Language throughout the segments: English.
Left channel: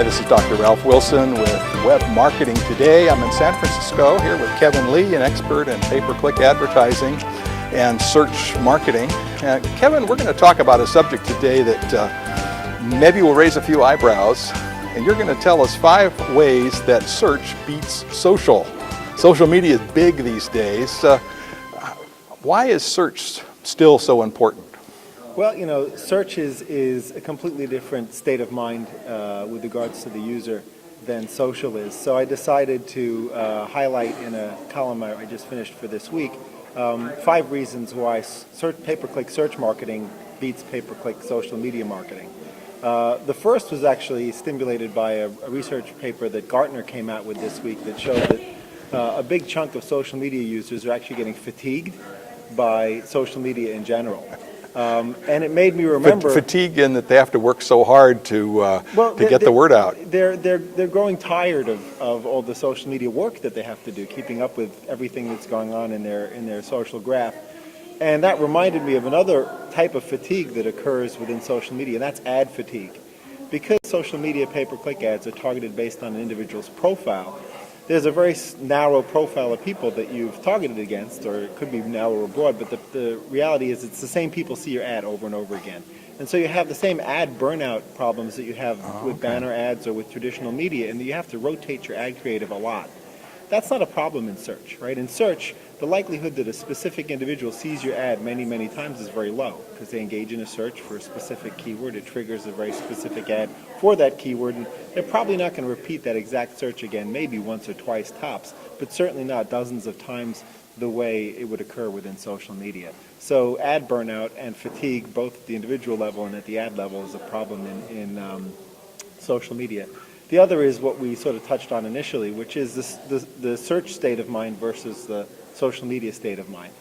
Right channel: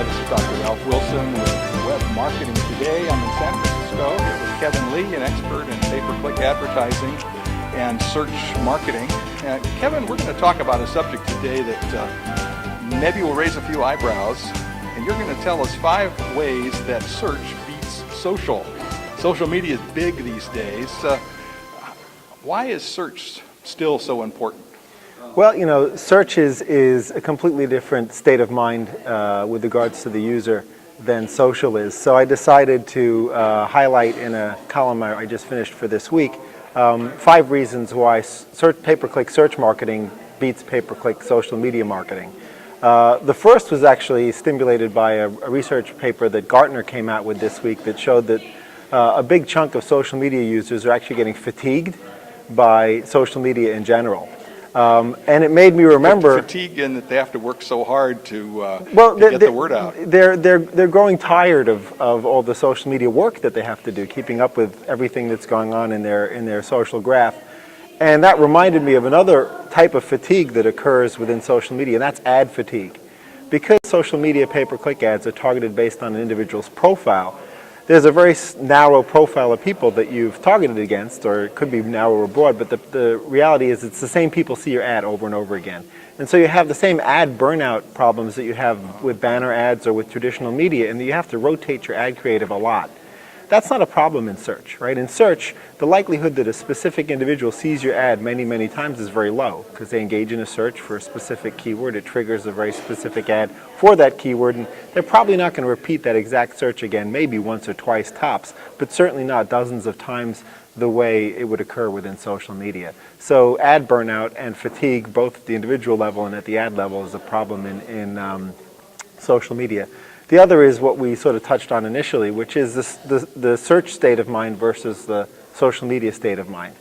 Hi, this is Dr. Ralph Wilson with Web Marketing Today. I'm in San Francisco here with Kevin Lee, an expert in pay-per-click advertising and search marketing. Kevin, we're going to talk about a subject today that maybe will raise a few eyebrows, and you're going to tell us 5 ways that search beats social. Social media is big these days. Why is search still so important? Well, you know, search is a completely different state of mind with regards to the user than social is. So I decided to highlight in a column I just finished for this week 5 reasons why pay-per-click search marketing beats pay-per-click social media marketing. The first was actually stimulated by a research paper that Gartner came out with this week that showed that a big chunk of social media users are actually getting fatigued by social media in general. And it made me remember fatigue in that they have to work so hard to get the word out. They're growing tired of all the social media work that they have to do, keeping up with everything that's going on in their social graph. And that reminded me of another type of fatigue that occurs within social media, and that's ad fatigue. Because social media pay-per-click ads are targeted based on an individual's profile, there's a very narrow profile of people that you've targeted against, or it could be narrow or broad, but the reality is it's the same people see your ad over and over again. And so you have the same ad burnout problems that you have with banner ads or with traditional media, and you have to rotate your ad creative a lot. That's not a problem in search, right? In search, the likelihood that a specific individual sees your ad many, many times is very low because they engage in a search for a specific keyword. It triggers a very specific ad for that keyword, and they're probably not going to repeat that exact search again, maybe once or twice tops, but certainly not dozens of times the way it would occur within social media. So ad burnout and fatigue, both at the individual level and at the ad level, is a problem in social media. The other is what we sort of touched on initially, which is the search state of mind versus the social media state of mind.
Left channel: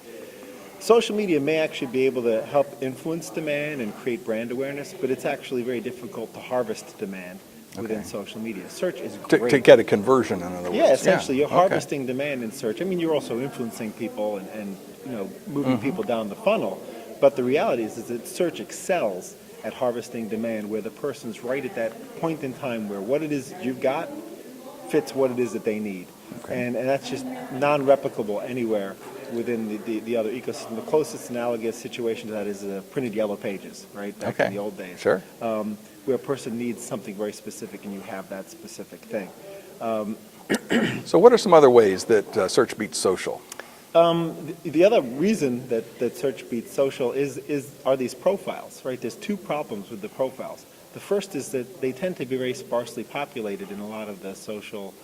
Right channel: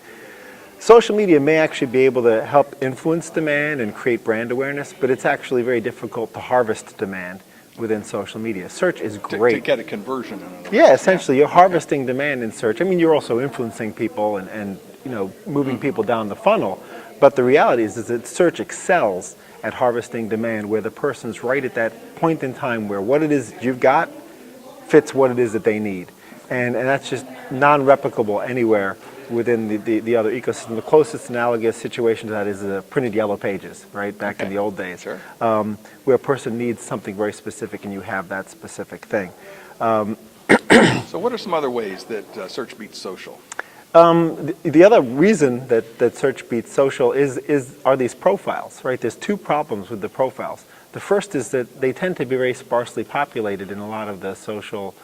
Social media may actually be able to help influence demand and create brand awareness, but it's actually very difficult to harvest demand within social media. Search is great. To get a conversion, in other words. Yeah, essentially, you're harvesting demand in search. I mean, you're also influencing people and you know, moving people down the funnel, but the reality is that search excels at harvesting demand where the person's right at that point in time where what it is you've got fits what it is that they need. And that's just non-replicable anywhere within the other ecosystem. The closest analogous situation to that is printed yellow pages, right, back in the old days, sure. Where a person needs something very specific and you have that specific thing. So what are some other ways that search beats social? The other reason that search beats social are these profiles, right? There's 2 problems with the profiles. The first is that they tend to be very sparsely populated in a lot of the social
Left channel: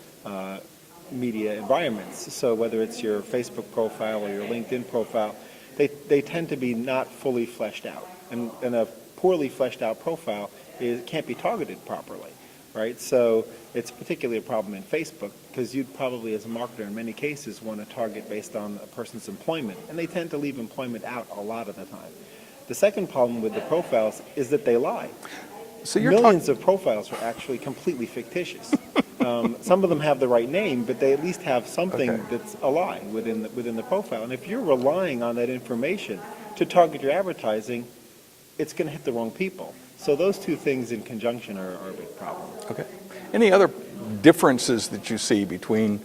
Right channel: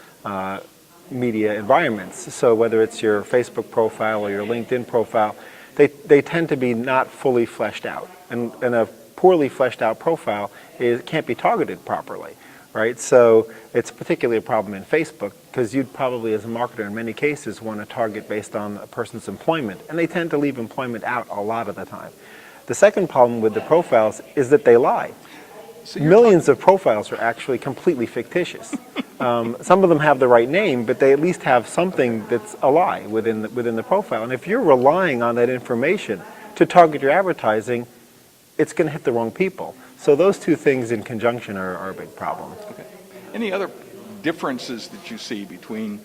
media environments. So whether it's your Facebook profile or your LinkedIn profile, they tend to be not fully fleshed out. And a poorly fleshed out profile can't be targeted properly. Right, so it's particularly a problem in Facebook because you'd probably, as a marketer, in many cases, want to target based on a person's employment, and they tend to leave employment out a lot of the time. The second problem with the profiles is that they lie. So millions of profiles are actually completely fictitious. Some of them have the right name, but they at least have something that's a lie within the profile. And if you're relying on that information to target your advertising, it's going to hit the wrong people. So those 2 things in conjunction are a big problem. Okay. Any other differences that you see between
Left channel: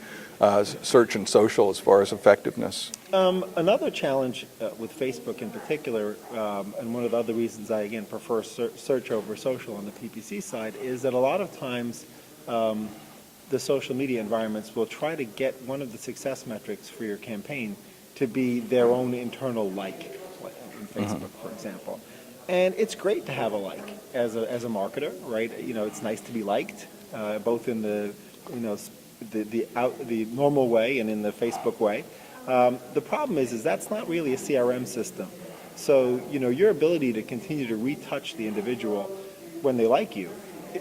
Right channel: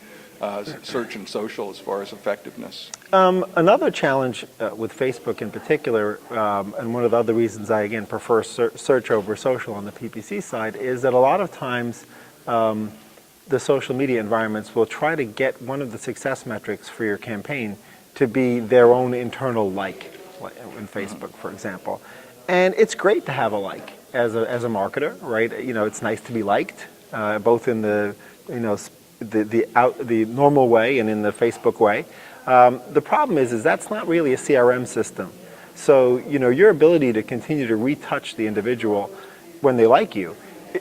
search and social as far as effectiveness? Another challenge with Facebook in particular, and one of the other reasons I, again, prefer search over social on the PPC side, is that a lot of times the social media environments will try to get one of the success metrics for your campaign to be their own internal like in Facebook, for example. And it's great to have a like as a marketer, right? You know, it's nice to be liked, both in the the normal way and in the Facebook way. The problem is that's not really a CRM system. So you know, your ability to continue to retouch the individual when they like you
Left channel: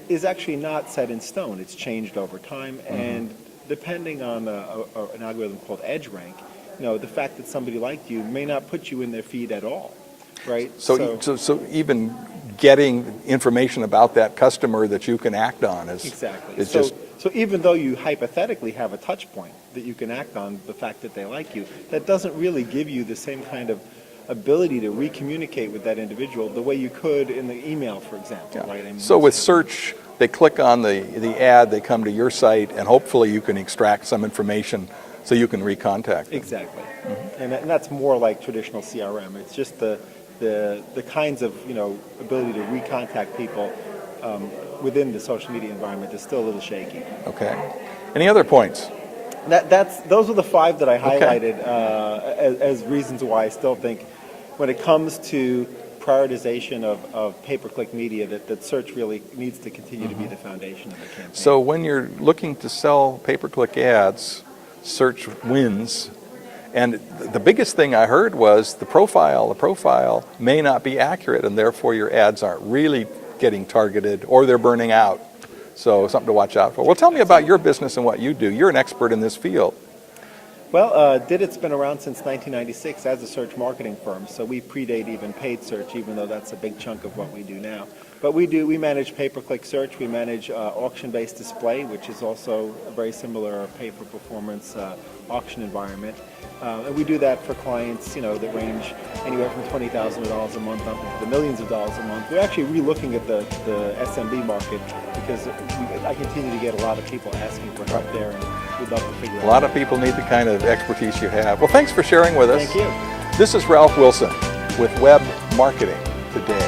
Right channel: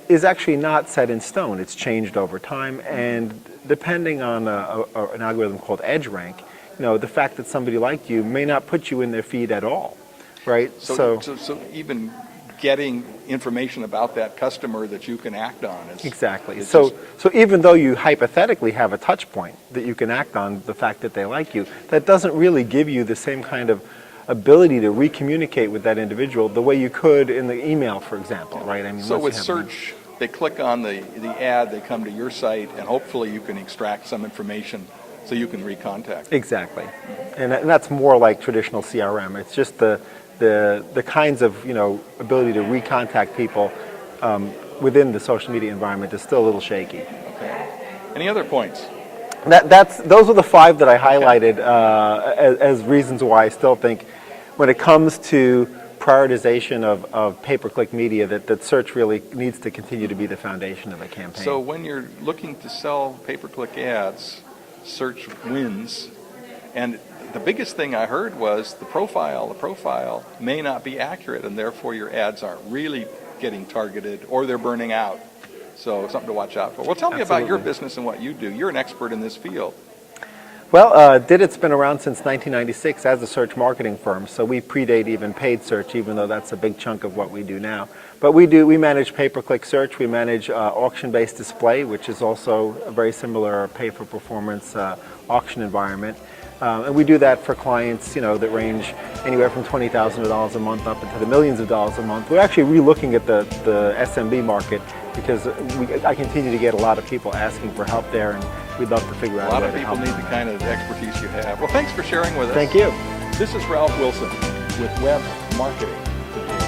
is actually not set in stone. It's changed over time, and depending on an algorithm called EdgeRank, you know, the fact that somebody liked you may not put you in their feed at all. Right. So even getting information about that customer that you can act on is exactly. So even though you hypothetically have a touch point that you can act on the fact that they like you, that doesn't really give you the same kind of ability to recommunicate with that individual the way you could in the email, for example. Right. I mean, so with search, they click on the ad, they come to your site, and hopefully you can extract some information so you can recontact. Exactly. And that's more like traditional CRM. It's just the kinds of, ability to recontact people within the social media environment is still a little shaky. Okay. Any other points? Those are the 5 that I highlighted as reasons why I still think when it comes to prioritization of pay-per-click media, that search really needs to continue to be the foundation of a campaign. So when you're looking to sell pay-per-click ads, search wins. And the biggest thing I heard was the profile may not be accurate, and therefore your ads aren't really getting targeted, or they're burning out. So something to watch out for. Well, tell me about your business and what you do. You're an expert in this field. Well, Didit's been around since 1996 as a search marketing firm, so we predate even paid search, even though that's a big chunk of what we do now. But we manage pay-per-click search, we manage auction-based display, which is also a very similar pay-for-performance auction environment. And we do that for clients, that range anywhere from $20,000 a month up into the millions of dollars a month. We're actually re-looking at the SMB market because I continue to get a lot of people asking for help there, and we'd love to figure out. A lot of people need the kind of expertise you have. Well, thanks for sharing with us. Thank you. This is Ralph Wilson with Web Marketing Today.